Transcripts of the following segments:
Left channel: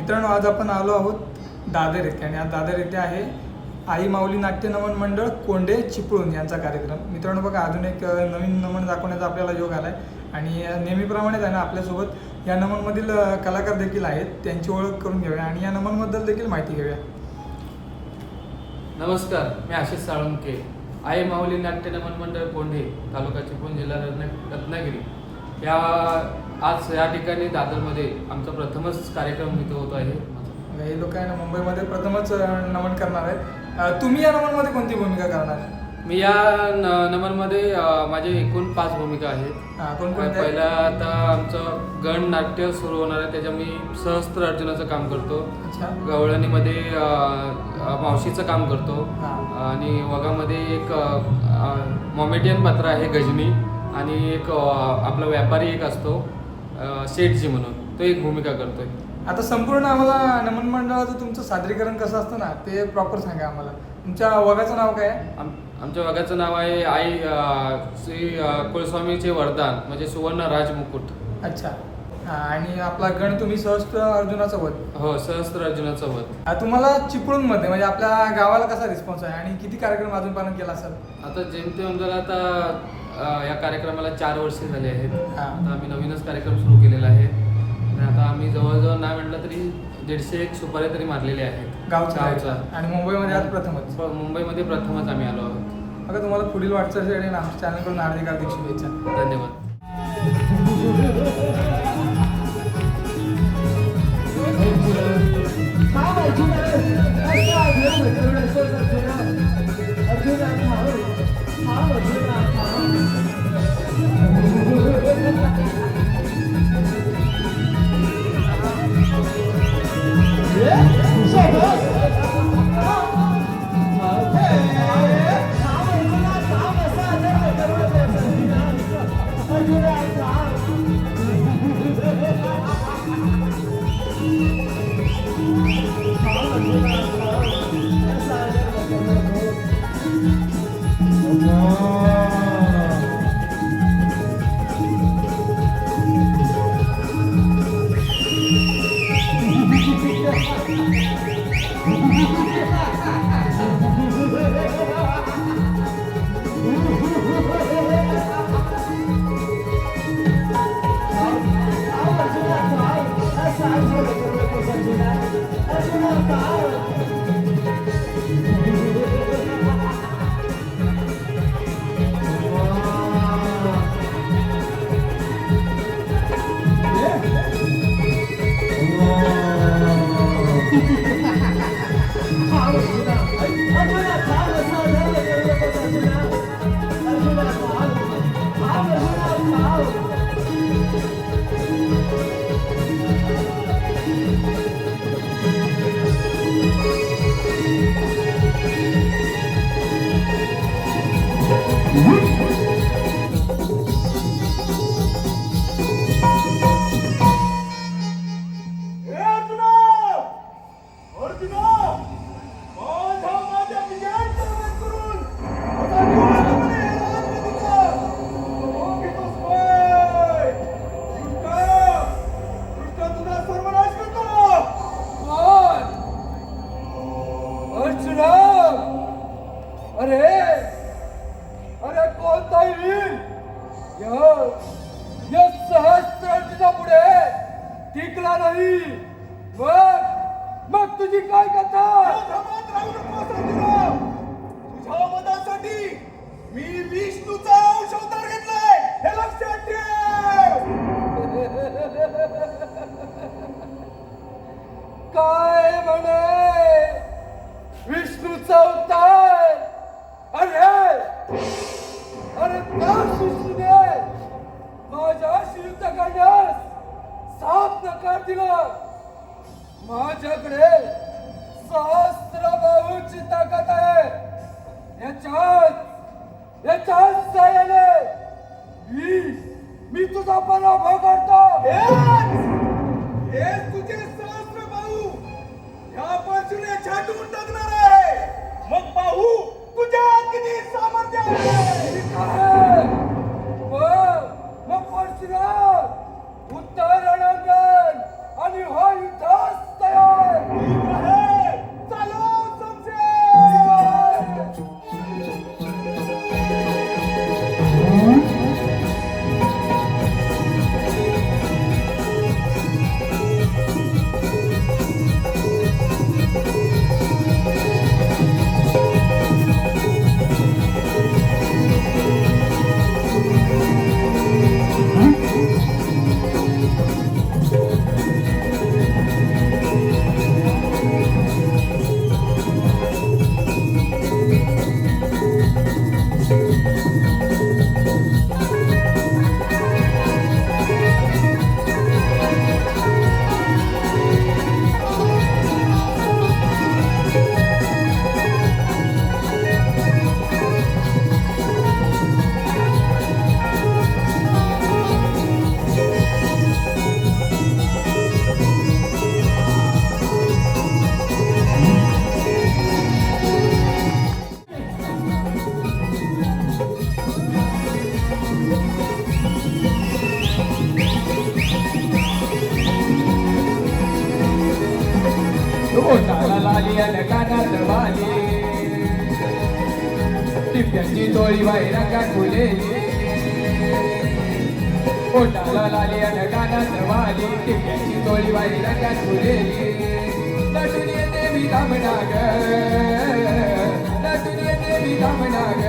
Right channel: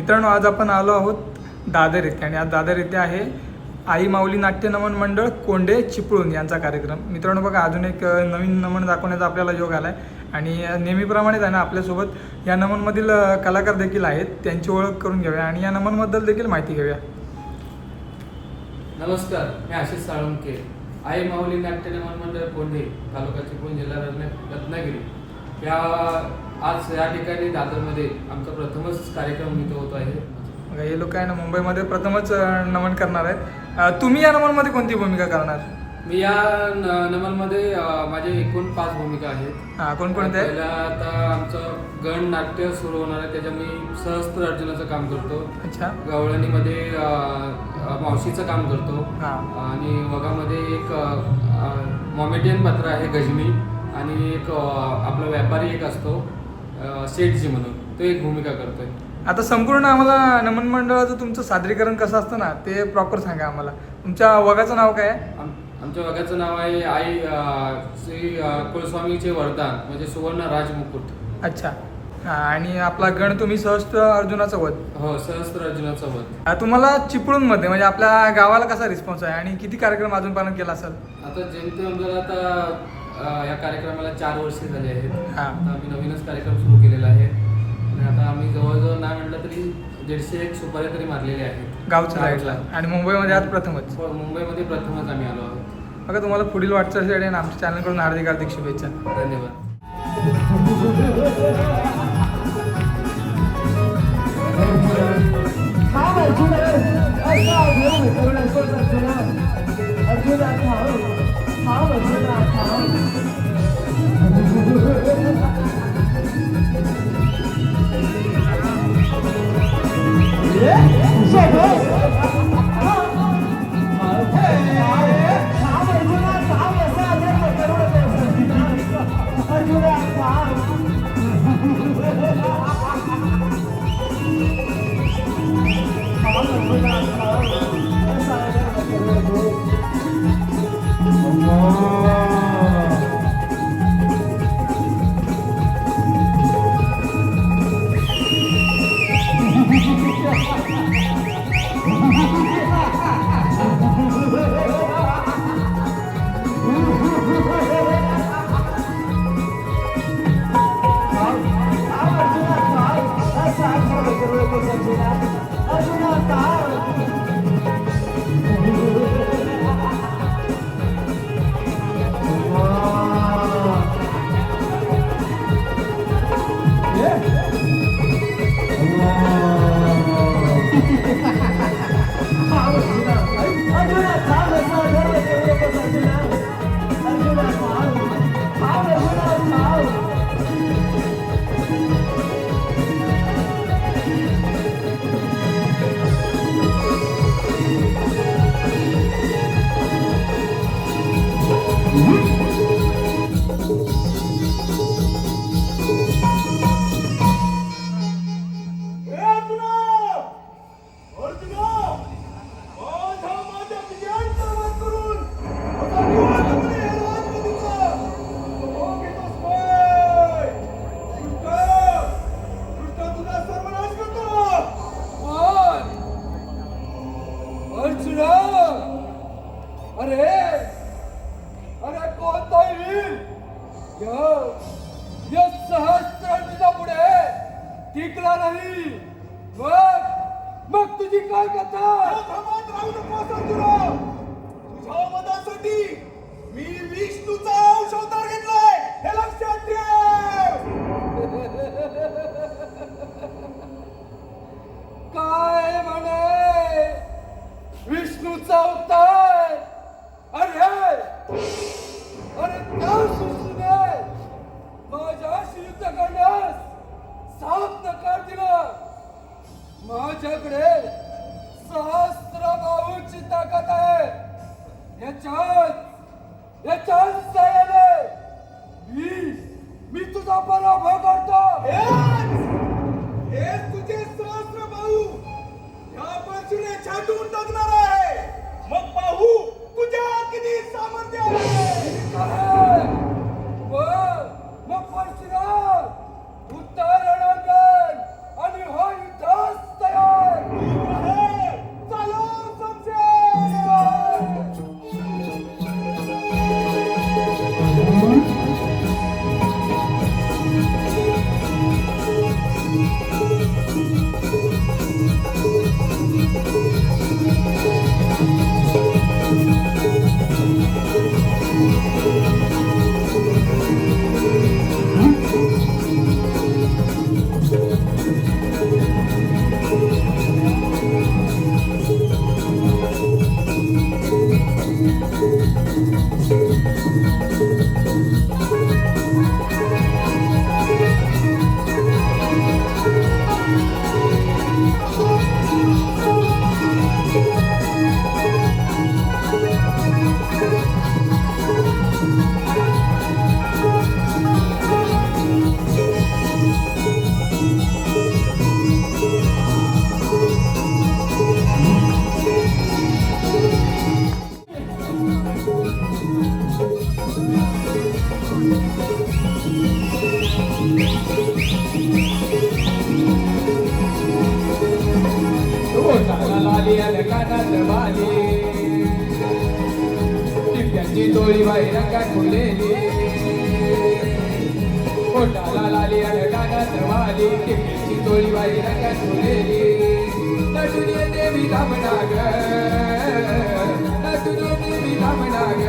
मित्रांनो, आज आपण आलो आहोत दादर येथे आणि आज दादर येथे आहे आई माऊली नाट्य नमन मंडळ कोंडे चिपळूण यांचा कार्यक्रम. मित्रांनो बघा, अजून एक नवीन नमन दाखवण्याचा आपल्याला योग आला आहे आणि नेहमीप्रमाणेच आहे ना, आपल्यासोबत या नमनमधील कलाकार देखील आहेत. त्यांची ओळख करून घेऊया आणि या नमनबद्दल देखील माहिती घेऊया. नमस्कार, मी आशिष साळुंके, आई माऊली नाट्य नमन मंडळ कोंढे, तालुका चिपळूण, जिल्हा रत्नागिरी आज या ठिकाणी दादरमध्ये आमचा प्रथमच कार्यक्रम इथं होतो आहे. हे लोक आहे ना, मुंबईमध्ये प्रथमच नमन करणार आहेत. तुम्ही या नमनमध्ये कोणती भूमिका करणार? मी या नमनमध्ये माझे एकूण 5 भूमिका आहेत. कोणकोणत्या? पहिला आता आमचं गण नाट्य सुरू होणार आहे, त्याच्या मी सहस्त्र अर्जुनाचं काम करतो. अच्छा. गवळणीमध्ये मावशीचं काम करतो आणि वगामध्ये एक मॉमेडियन पात्र आहे गजनी आणि एक आपला व्यापारी एक असतो सेठजी म्हणून, तो एक भूमिका करतोय. आता संपूर्ण आम्हाला नमन मंडळाचं तुमचं सादरीकरण कसं असतं ना, ते प्रॉपर सांगा आम्हाला. तुमच्या वगाचं नाव काय आहे? आमच्या वगाचं नाव आहे आई श्री कुलस्वामीचे वरदान, म्हणजे सुवर्ण राजमुकुट. अच्छा. आणि आपला गण तुम्ही सहस्त्र अर्जुनाचं वध. हो, सहस्त्र अर्जुनाचं वध. तुम्हाला चिपळूणमध्ये म्हणजे आपल्या गावाला कसा रिस्पॉन्स आहे आणि किती कार्यक्रम अजून पालन केला असेल? आता जेमतेम जर आता या कार्यक्रमाला 4 वर्षे झाले आहेत. आता आम्ही नवीनच कार्यक्रम सुरू केलेला आहे आणि आता आम्ही जवळजवळ नाही म्हटलं तरी 150 सुपाऱ्या तरी मारलेल्या आहेत गावचा. आणि मुंबईमध्ये आज प्रथमच? मुंबईमध्ये प्रथमच आम्ही आलो आहोत. बघा, तुम्हाला पुढील वाटचालीसाठी आणि आमच्या चॅनलकडून हार्दिक शुभेच्छा. धन्यवाद. अरे कोणताही या सहस्त्र पुढे टिकला नाही. मग तुझी काय कथा? तुझ्या मतासाठी मी विष्णूचा अंश अवतार घेतलाय, हे लक्षात ठेव. काय म्हणे विष्णूचा अवतार? अरे त्या शिष्याने माझ्याशी युद्ध करण्यास साफ नकार दिला. माझ्याकडे सहस्त्र बाहूची ताकद आहे. याच्यात साह्याने मी तुझा पराभव करतो. हे तुझे सहस्त्र बाहू या बाजूने छाटून टाकणार आहे. मग पाहू तुझ्या किती सामर्थ्य आहे. मग परशुराम उत्तर रणांगण आणि हा युद्धास तयार. लाली अन कानात वाली टिप्प्याची डोळी बाहेर रंगात फुलेली पोटाला लाली अन कानात वाली टिप्प्याची डोळी बाहेर रंगात फुलेली नटून येते मी धामणा ग नटून येते मी धामणा ग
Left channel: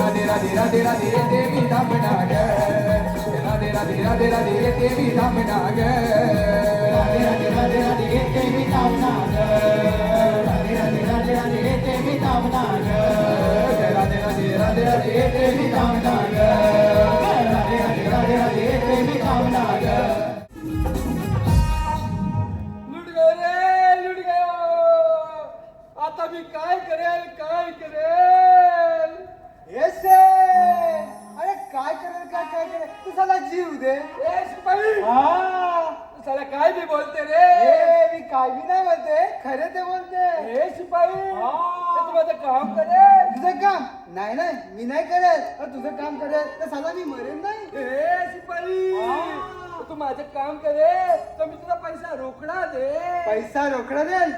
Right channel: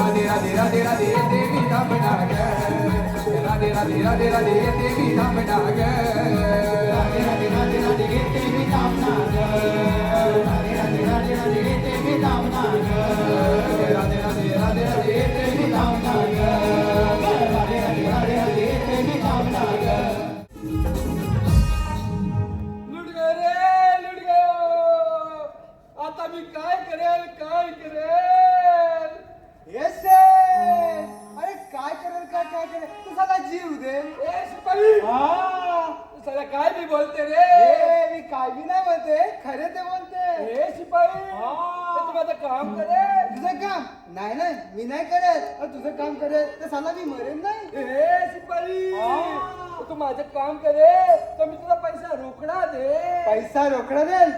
राधे राधे राधे राधे येते मी धामणा ग राधे राधे राधे राधे येते मी धामणा ग राधे राधे राधे राधे येते मी धामणा ग राधे राधे राधे राधे येते मी धामणा ग राधे राधे राधे राधे येते मी धामणा ग राधे राधे राधे राधे येते मी धामणा ग लुट गए रे लुट गए आता मी काय करेल येस अरे काय करेल तू साला जीव दे ए शिपाई हा तू साला काय बी बोलते रे ए, मी काय बी नाही बोलते खरे ते बोलते ए शिपाई हा. ते तू माझं काम करेल तुझं काम नाही मी नाही करेल पण तुझं काम करेल तर साला मी मरेन नाही ए शिपाई हा. तू माझं काम करेल तर मी तुला पैसा रोकडा दे पैसा रोकडा देल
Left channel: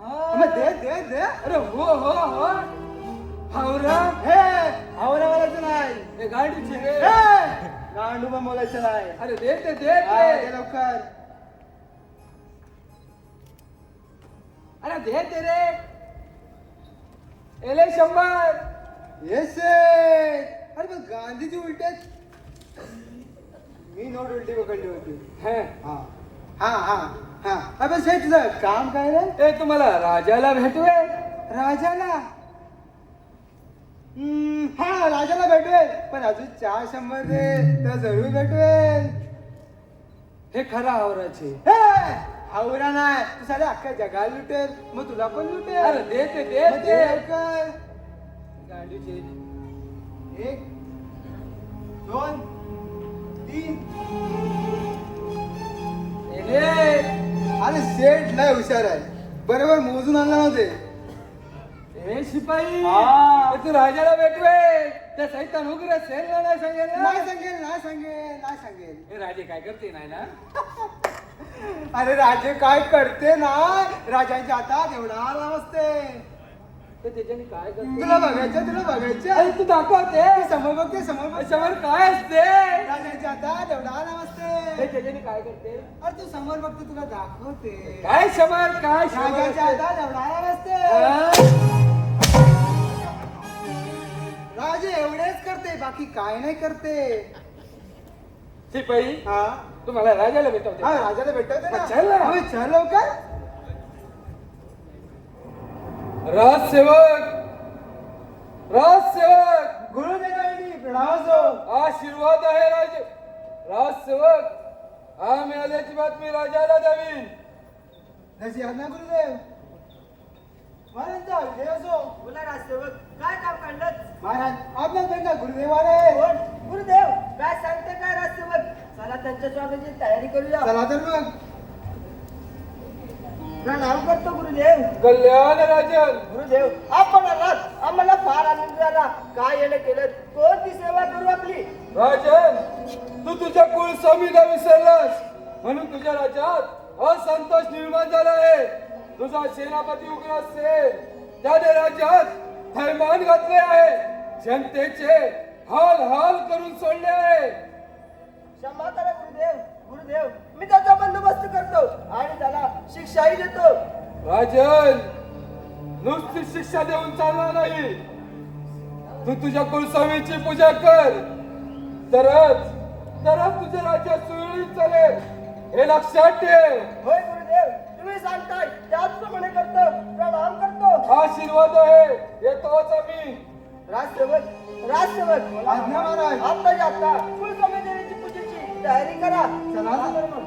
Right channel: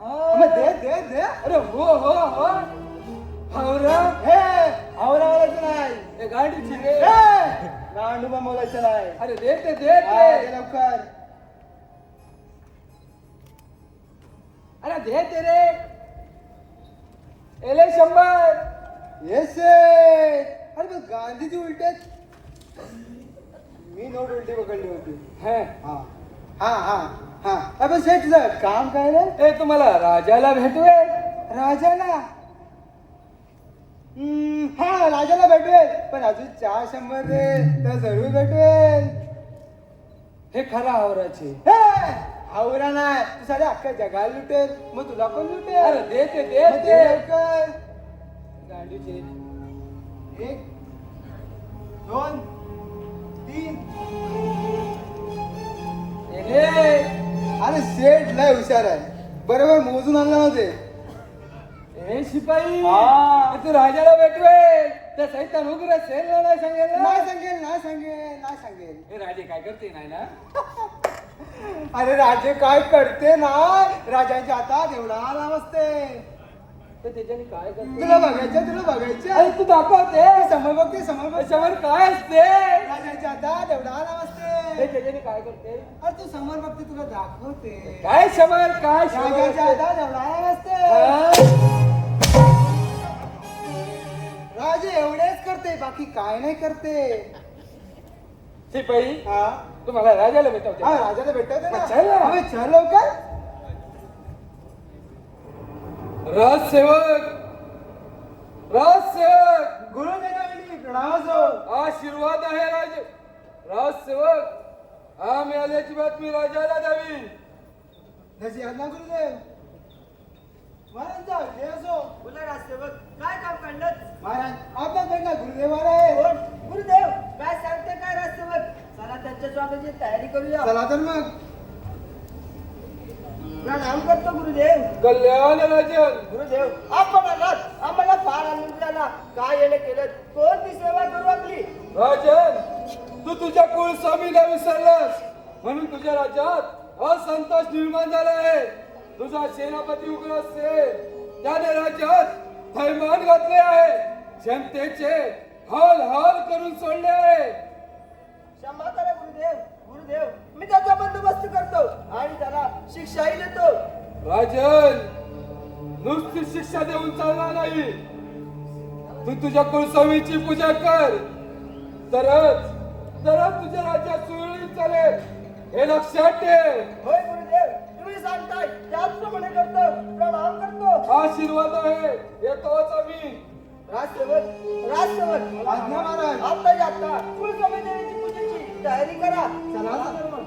हा. मग दे अरे हो हावरा हे आवरा बोलायचं नाही हे गाडीची रे हे, गांडूबा बोलायचं नाही अरे दे हा, ते दे लवकर अरे दे ते रे एले 100 येस अरे पण गांधीजी उलटे मी नोट उलटी पकडली होती हे हा अबे सेठ तुझं काम काय रे ए तुम्हाला राजाला भेटवे राजाला हा राजाला भेटवेल पण अजून 400 रे तर जरूर भेटवेल हे खरा आवराचे हे हावरा नाही तू साडे अख्ख्या जगाला लुटेल मग तुला पण लुटेल अरे दे ते मग दे लवकर गाडीचे 1 2 3 एले अरे सेठ नाही हुशार आहे बरोबर मोजून आणला नव्हते ए शिपाई हा. ए तू राजाला भेटवे त्या सैतान उग्र सेनला नाही सांगेल ना? नाही सांगेल हे राजे काय करते नाही ना अरे राजे काय करते ना राजांच्या हातात एवढा आराम असते ते त्याच्याने काय करते तुला बघायचं अरे तू दाखवते समोर बघते त्याच्यावर काय असते राजांच्या हातात एवढा आराम हे असते त्याच्याने काय करते अरे तू समोर बघते तुला दाखवते काय शमर काय राजांच्या शमर हातात एवढा आराम असते हा? राजे एवढेच करते बाकी काय नाही करते शिपाई हा तुम्हाला राजाला भेटवते हा राजाला भेटवते ना चल ना. होय, चल लवकर राजसेवक गुरुजनांनी प्रणाम असो आशीर्वाद आहे राजसेवक हा मिळाल्याची बातमी राजाला द्यावी जशी आज्ञा गुरुदेव महाराज विजय असो बोला राजसेवक काय काम काढलं महाराज आपल्या बेटा गुरुदेव महाराज कोण गुरुदेव काय सांगते काय राजसेवक चला त्यांच्या स्वागताची तयारी करूया चला तर मग प्रणाम करतो गुरुदेव कल्याण राजन गुरुदेव आपण आलात आम्हाला फार आनंद झाला काय येणे केलं कोणती सेवा करू आपली राजन तू तुझ्या कुलस्वामीला विसरलास म्हणून तुझ्या राज्यात असंतोष निर्माण झाला आहे तुझा सेनापती उग्रसेन त्याने राज्यात थैमान घातले आहे जनतेचे हाल करून सोडले आहे क्षमा करा गुरुदेव मी त्याचा बंदोबस्त करतो आणि त्याला शिक्षाही देतो राजन नुसती शिक्षा देऊन चालणार नाही तू तुझ्या कुलस्वामीची पूजा कर तरच तुझ्या राज्यात सुरळीत चालेल हे लक्षात ठेव होय गुरुदेव तुम्ही सांगताय त्याचप्रमाणे करतो प्रणाम करतो आशीर्वाद आहे येतोच आम्ही राजसेवक आज्ञा महाराज आता कुलस्वामी देवीची पूजेची तयारी करा चला तर मग